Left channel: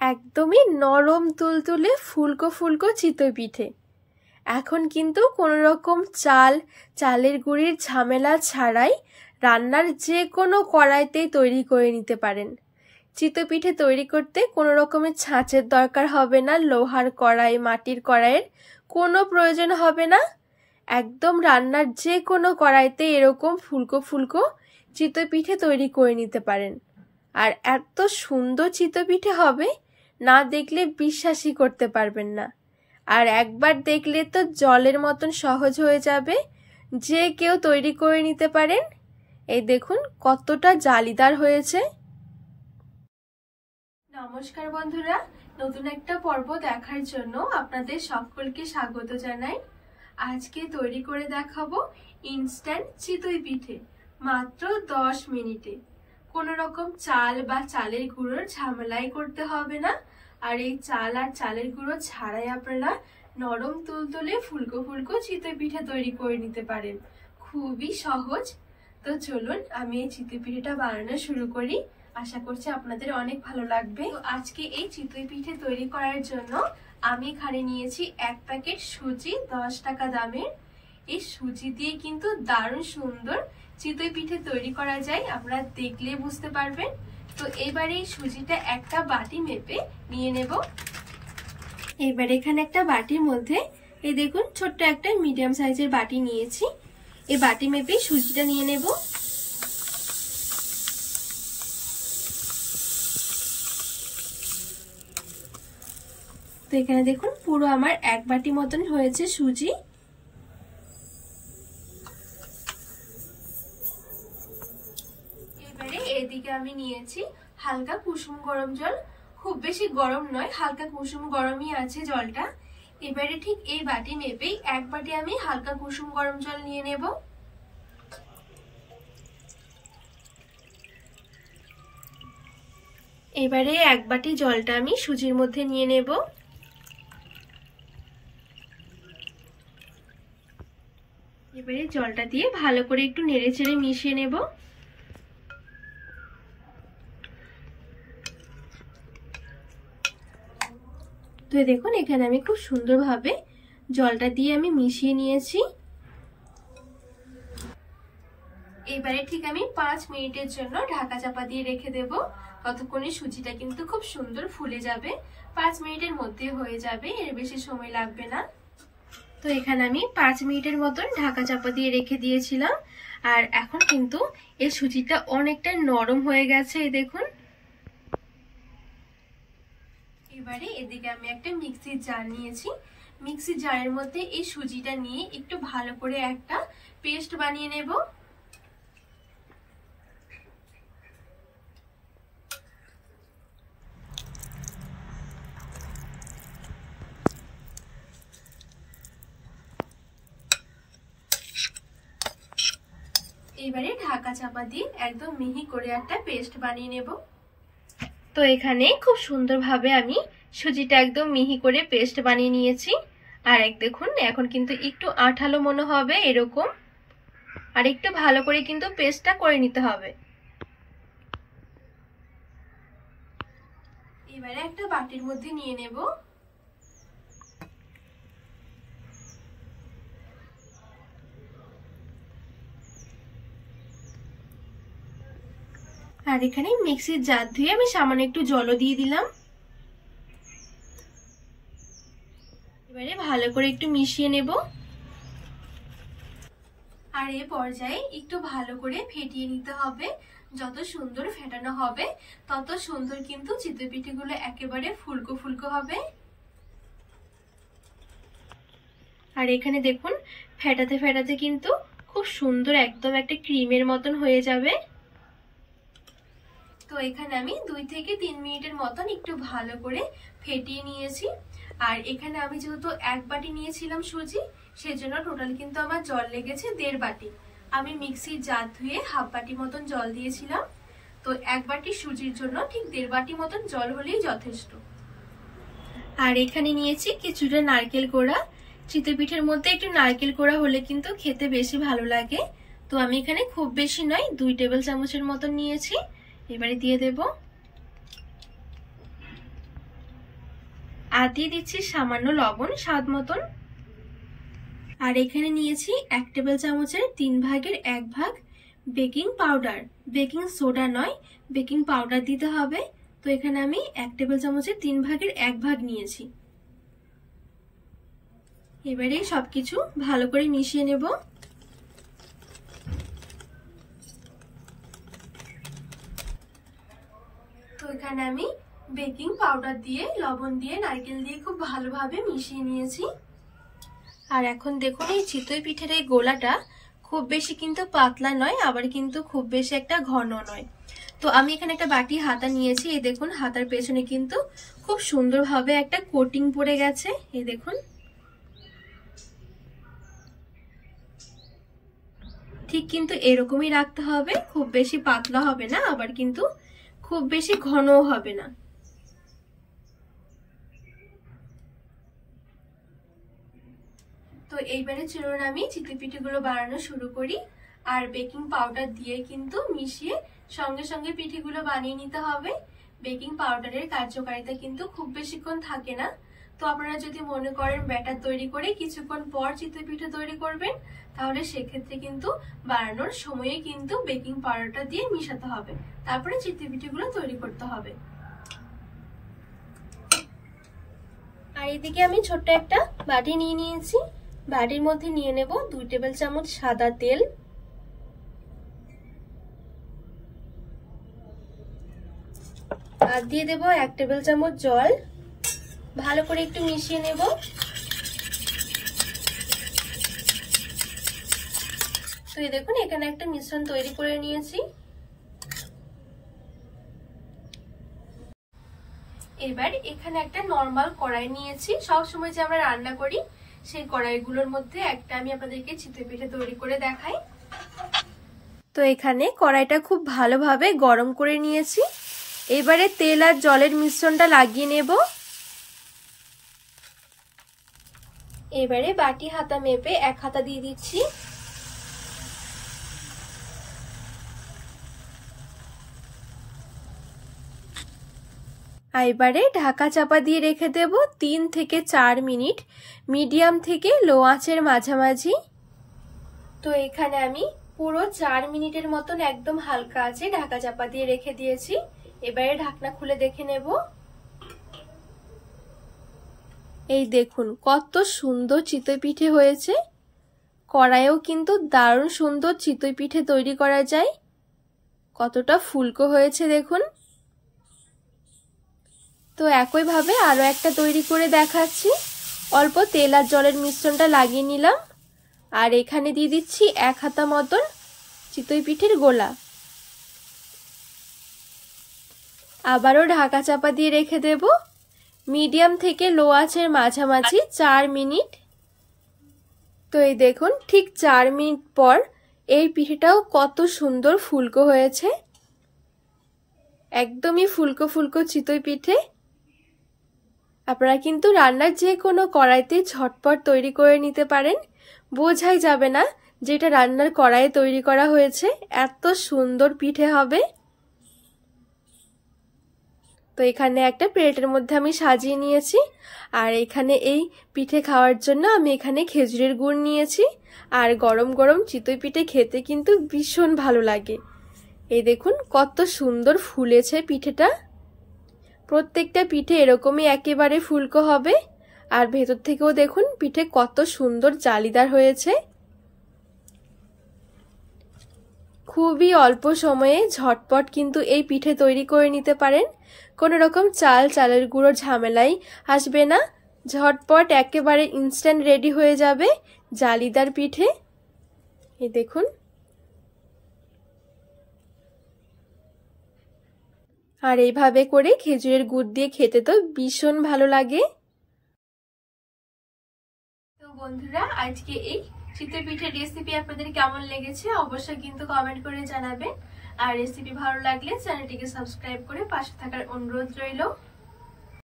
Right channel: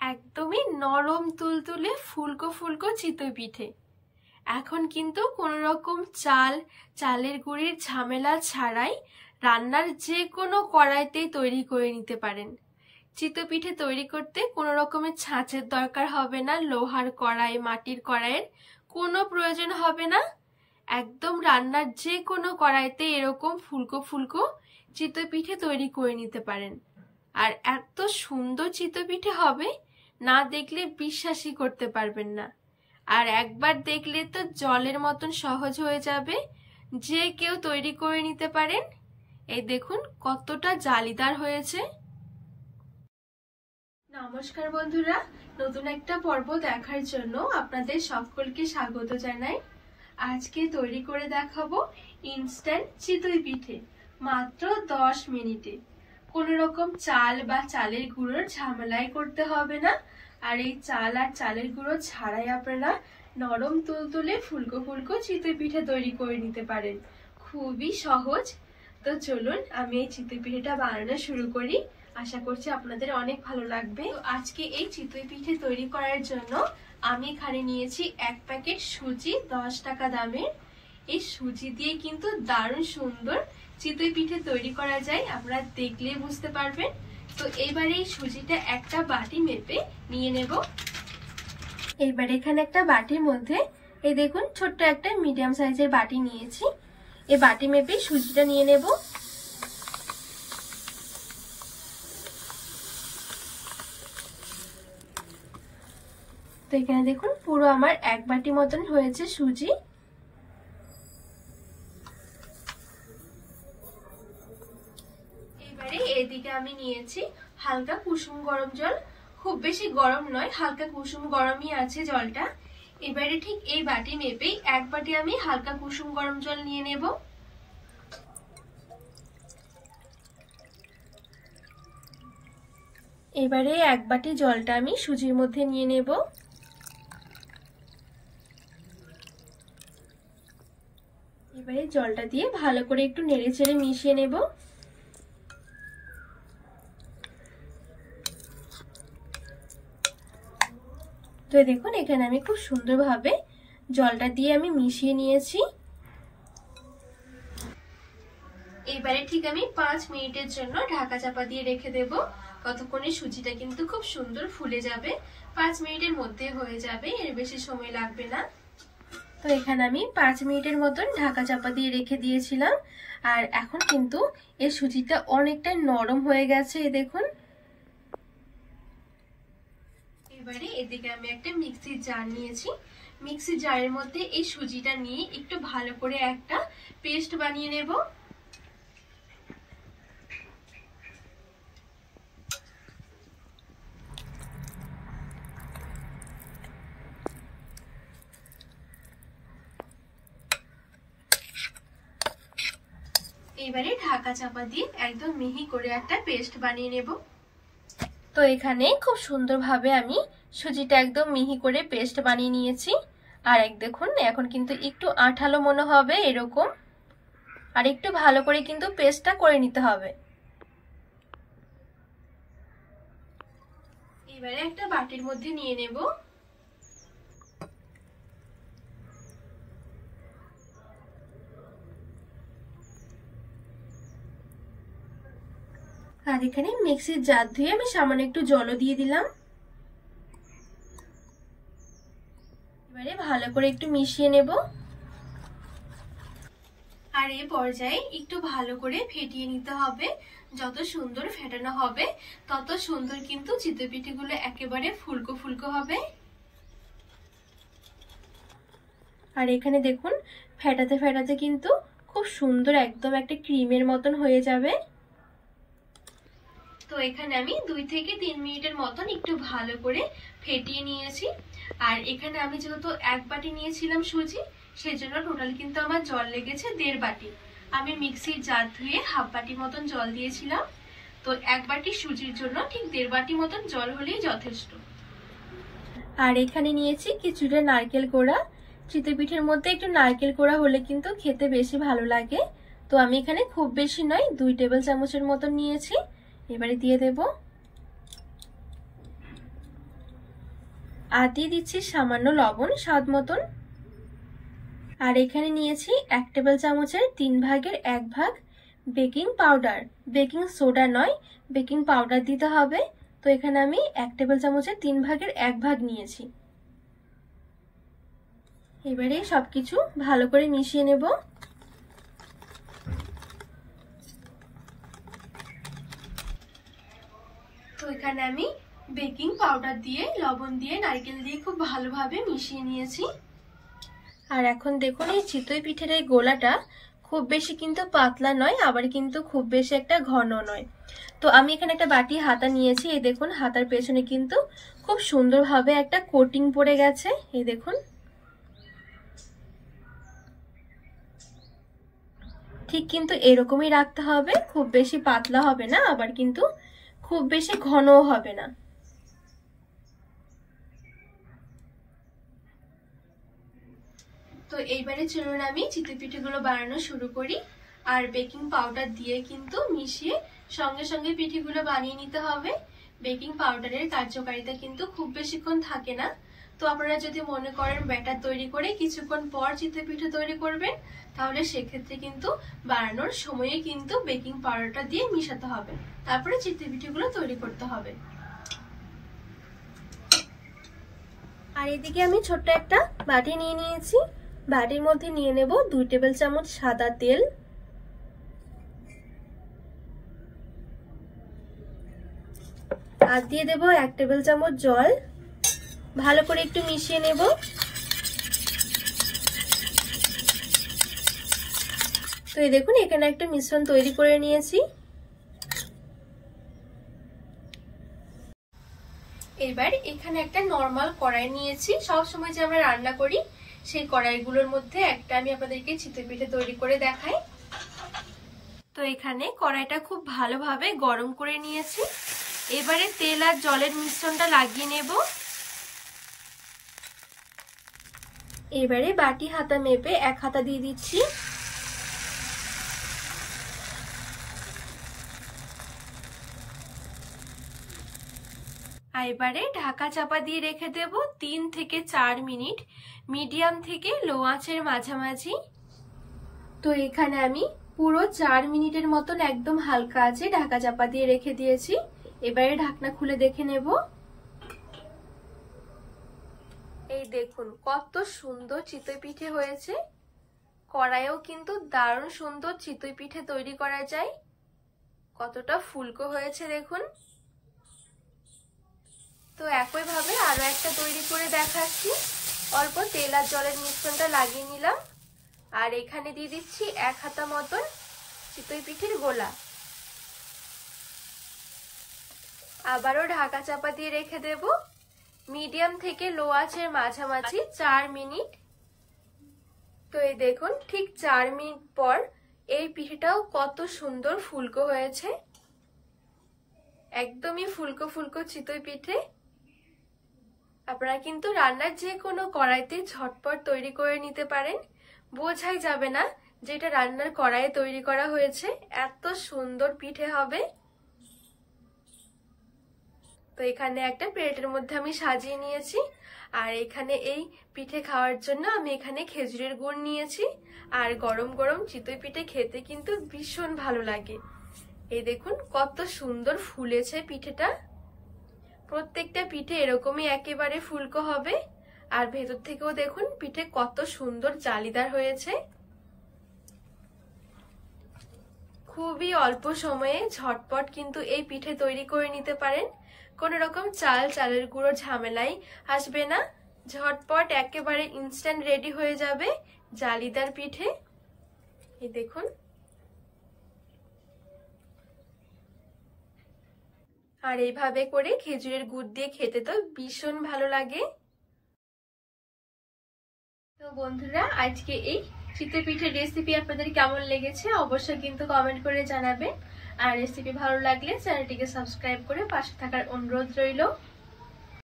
একদমই নরম তুলতুলে ফুলকো ফুলকো চিতই পিঠে। এখন কিন্তু কোনো রকম চালের গুঁড়ির ঝামেলা ছাড়াই রান্নার যে কোনো কড়াইতেই তৈরি করে নিতে পারেন। চিতই পিঠে তৈরি করতে কোনো রকমের ছাঁচের দরকার হবে না, লোহার কড়াই, মাটির কড়াইয়ের কোনো প্রয়োজন হবে না। একদম রান্নার যে কোনো কড়াইতে এরকম ফুলকো ফুলকো চিতই পিঠে তৈরি করে নিতে পারেন। আর এত সুন্দর চিতই পিঠে হবে, না দেখলে বিশ্বাসই করতে পারবেন না। আর একবার দেখলে তো জলের মতন সহজ হয়ে যাবে, যে কেউ তৈরি করে নিতে পারেন। এই দেখুন কতটা জালিদার হয়েছে। নমস্কার বন্ধুরা, নতুন একটা পর্ব দেখার জন্য আপনাদের সকলকে স্বাগত জানাই। আজকে তৈরি করে দেখাবো ইনস্ট্যান্ট চিতই পিঠে, মাত্র 10 মিনিটে। কোনো রকম চাল বা চালের গুঁড়োর ঝামেলাই করতে হবে না। আর এই চাল আর চালের গুঁড়ো ছাড়াই আপনারা নরম তুলতুলে ফুলকো ফুলকো চিতই পিঠে তৈরি করে নিতে পারেন। খুবই সহজ। তো চলুন আমি এই চিতই পিঠেটা বানানো শুরু করি। আশা করছি আপনাদের অনেক ভালো লাগবে। তো আজকে এই চিতই পিঠে তৈরি করার জন্য আমি এখানে নিয়েছি 1 প্যাকেট সুজি, 10 টাকা দামের। এই সুজি দিয়ে কিন্তু দারুণ সুন্দর চিতই পিঠে তৈরি করা যায়, আপনারা দেখলে বুঝতে পারবেন। তো এবারে এই সুজিটা একটা বাটি মেপে নিয়ে নেব। এবারে এখানে একটা বাটির মধ্যে এই দেখুন ছোট্ট একটা মিডিয়াম সাইজের বাটি নিয়েছি। এই বাটি মেপে সুজিটা নিয়ে নেব। তো এখানে দেখুন পুরো আমার 1 বাটি মতন হয়েছে সুজি। এবারে এদিকে আমি নিয়েছি হালকা কুসুম গরম জল। খুব বেশি গরম নয়, হালকা কুসুম গরমই আছে জলটা। এবারে ঠিক এই বাটি মেপেই 1 বাটি আমি হালকা কুসুম গরম জল নিয়ে নেব। এবারে 1 বাটি জলটা আমি সুজির মধ্যে নিয়ে নেব। এবারে জলটা দিয়ে ভালো করে একটু নেড়েচেড়ে মিশিয়ে নেব। তো দেখুন এখানে আমি খুব সুন্দরভাবে জলটা দিয়ে আমি মিশিয়ে নিয়েছি। এবারে ঠিক আমি 5 মিনিটের জন্য ঢাকা চাপা দিয়ে রেখে দেব। ততক্ষণে সুজিটা কিন্তু খুব সুন্দর ফুলে যাবে। 5 মিনিটের মধ্যে হয়ে যাবে, এর বেশি সময় লাগবে না। তো এখানে আমি 5 মিনিটের মতন ঢাকা চাপা দিয়ে রেখে দিয়েছিলাম। আর এখন কিন্তু এই সুজিটা অনেকটা নরম হয়ে গেছে, এই দেখুন। এবারে এদিকে আমি একটা মিক্সির জার নিয়েছি। মিক্সির জারের মধ্যে এই সুজিটা নিয়ে একটু ভালো করে একটা পেস্ট বানিয়ে নেব। এবারে ঢাকা চাপা দিয়ে একদম মিহি করে একটা পেস্ট বানিয়ে নেব। তো এখানে খুব সুন্দরভাবে আমি সুজিটা একদম মিহি করে পেস্ট বানিয়ে নিয়েছি। আর দেখুন এখন কিন্তু একটু আঠালো মনে হবে এরকম। আর একটু ভালো করে কিন্তু পেস্টটা করে নিতে হবে। এবারে একটা বাটির মধ্যে নিয়ে নেব। আর এখানে মিক্সির জার ধুয়ে আমি সামান্য একটু জলও দিয়ে দিলাম। এবারে ভালো করে একটু মিশিয়ে নেব। আর এই পর্যায়ে একটু ভালো করে ফেটিয়ে নিতে হবে। যত সুন্দর ফেটানো হবে তত সুন্দর কিন্তু চিতই পিঠেগুলো একেবারে ফুলকো ফুলকো হবে। আর এখানে দেখুন ফেটাতে ফেটাতে কিন্তু খুব সুন্দর একদম একটা ক্রিমের মতন হয়ে যাবে। তো এখানে আমি 2 থেকে 3 মিনিটের মতন একটু ভালো করে ফেটিয়ে নিয়েছি। আর এখানে আমি যেহেতু 1 বাটি নিয়েছিলাম সুজি, সেজন্য টোটাল কিন্তু আমার জল লেগেছে 1.5 বাটি। আমি মিক্সির জার ধুয়ে 1/2 বাটি মতন জল দিয়েছিলাম। তো 1 বাটি সুজির জন্য ঠিক 1.5 বাটি মতন জল হলেই যথেষ্ট। আর এখানে নিয়েছি কিছুটা নারকেল কোড়া। চিতই পিঠের মধ্যে একটু নারকেল কোড়া হলে কিন্তু খেতে বেশি ভালো লাগে। তো আমি এখানে খুব বেশি নয় 2 টেবিল চামচের মতন নিয়েছি। এবারে দিয়ে দেব। আর দিয়ে দিচ্ছি সামান্য লবণ স্বাদ মতন। আর এখানে নিয়েছি 1 টেবিল চামচের 3 ভাগের 1 ভাগ বেকিং পাউডার। বেকিং সোডা নয়, বেকিং পাউডার দিতে হবে। তো এখানে আমি 1 টেবিল চামচের 3 ভাগের 1 ভাগ নিয়েছি। এবারে সবকিছু ভালো করে মিশিয়ে নেব। তো এখানে আমি বেকিং পাউডার দিয়ে, লবণ দিয়ে, নারকেল দিয়ে খুব ভালোভাবে মিশিয়ে নিয়েছি। আর এখন দেখুন এই চিতই পিঠের এই গোলাটা খুব বেশি কিন্তু পাতলা নয়, আবার কিন্তু খুব বেশি একটা ঘন নয়। তো আমি এখানে একটা বাটি হাতা নিয়েছি। এই দেখুন হাতার পেছনে কিন্তু খুব সুন্দরভাবে একটা কোটিং পড়ে গেছে। এই দেখুন ঠিক কিন্তু এরকমই রাখতে হবে, খুব বেশি পাতলা হবে না, আবার কিন্তু খুব বেশি ঘনও হবে না। তো এইবারে চলুন আমি চিতই পিঠেগুলো বানানো শুরু করি। আর বেকিং পাউডার দিয়ে কিন্তু মিশিয়ে সঙ্গে সঙ্গে পিঠেগুলো বানিয়ে নিতে হবে। বেকিং পাউডারের কার্যকারিতা কিন্তু খুব বেশিক্ষণ থাকে না। তো আপনারা যদি মনে করেন ব্যাটার তৈরি করে কিছুক্ষণ পর চিতই পিঠে তৈরি করবেন, তাহলে সেক্ষেত্রে কিন্তু বানানোর সময়ে কিন্তু বেকিং পাউডারটা দিয়ে মিশাতে হবে, তারপরে চিতই পিঠেগুলো তৈরি করতে হবে। আর এদিকে আমি ছোট্ট একটা বাটি নিয়ে নিয়েছি। বাটির মধ্যে নিয়ে নেব 2 টেবিল চামচ সাদা তেল, আর দিয়ে দেব 1 টেবিল চামচ জল। ভালো করে একটু মিশিয়ে নেব। তো এই দেখুন এখানে একটা মিশ্রণ তৈরি করে নিয়েছি। এবার এখানে একটা নরমাল কড়াই নিয়েছি। সব সময় যে আমরা রান্না করি সেই কড়াইগুলোর মধ্যে একটা আমি আপনাদেরকে চিতই পিঠে তৈরি করে দেখাই। তো এখানে কড়াইটা খুব ভালোভাবে গরম করে নিয়েছি। এবারে তেল আর জলের মিশ্রণটা লাগিয়ে নেব। এবারে বাটি হাতা মেপে 1 হাতা দিয়ে দিচ্ছি। এবারে ঢাকা চাপা দিয়ে রেখে দেব 3 থেকে 4 মিনিট মিডিয়াম থেকে লো আঁচের মাঝামাঝি। তো এখানে আমি পুরো 4 মিনিটের মতন একদম হালকা আঁচে ঢাকা চাপা দিয়ে রেখে দিয়েছি। এবারে ঢাকনা খুলে দেখে নেব। এই দেখুন কত সুন্দর চিতই পিঠে হয়েছে। কড়াইও কিন্তু দারুণ সুন্দর চিতই পিঠে তৈরি করা যায়। কতটা ফুলকো হয়েছে দেখুন। তো একইভাবে আরো একটা তৈরি করে দেখাচ্ছি। অল্প তেল আর জলের মিশ্রণটা লাগিয়ে নিলাম। আর এখানে দিয়ে দিচ্ছি 1 হাতা মতন চিতই পিঠের গোলা। আবারও ঢাকা চাপা দিয়ে রেখে দেব মিডিয়াম থেকে লো আঁচের মাঝামাঝি 4 মিনিট। তো এই দেখুন ঠিক 4 মিনিট পর এই পিঠেটাও কত সুন্দর ফুলকো হয়েছে। একদমই ফুলকো ফুলকো চিতই পিঠে। আপনারা কিন্তু রান্নার যে কোনো কড়াইতে ঝটপট তৈরি করে নিতে পারেন। বোঝাই যাবে না যেটা রান্নার কড়াইয়ে তৈরি করা হয়েছে। এত সুন্দর পিঠে হবে। তো এখানে একটা প্লেটের মধ্যে আমি সাজিয়ে নিয়েছি। আর এখানে এই পিঠে খাওয়ার জন্য আমি এখানে খেজুরের গুড় নিয়েছি। আর গরম গরম চিতই পিঠে খেতে কিন্তু ভীষণ ভালো লাগে। এই দেখুন কত সুন্দর ফুলেছে পিঠেটা। প্রত্যেকটা পিঠে এরকমই একেবারে ফুলকো হবে। আর ভেতর থেকেও দেখুন পিঠে কত সুন্দর জালিদার হয়েছে। খুবই অল্প সময়ে ঝটপট কিন্তু এই পিঠে তৈরি করে নিতে পারেন। কোনো রকম চালের গুঁড়োর ঝামেলাই আসবে না। ঝটপট একেবারে ইনস্ট্যান্ট রেডি হয়ে যাবে জালিদার পিঠে। এই দেখুন। আর এইভাবে করে খেজুরের গুড় দিয়ে খেতে তো ভীষণ ভালো লাগে। তো বন্ধুরা আজকে এই চিতই পিঠের রেসিপি আপনাদের কেমন লেগেছে অবশ্যই কিন্তু কমেন্ট করে জানাবেন। আর রেসিপি ভালো লাগলে চ্যানেলটিকে সাবস্ক্রাইব করে পাশে থাকার অনুরোধ রইল।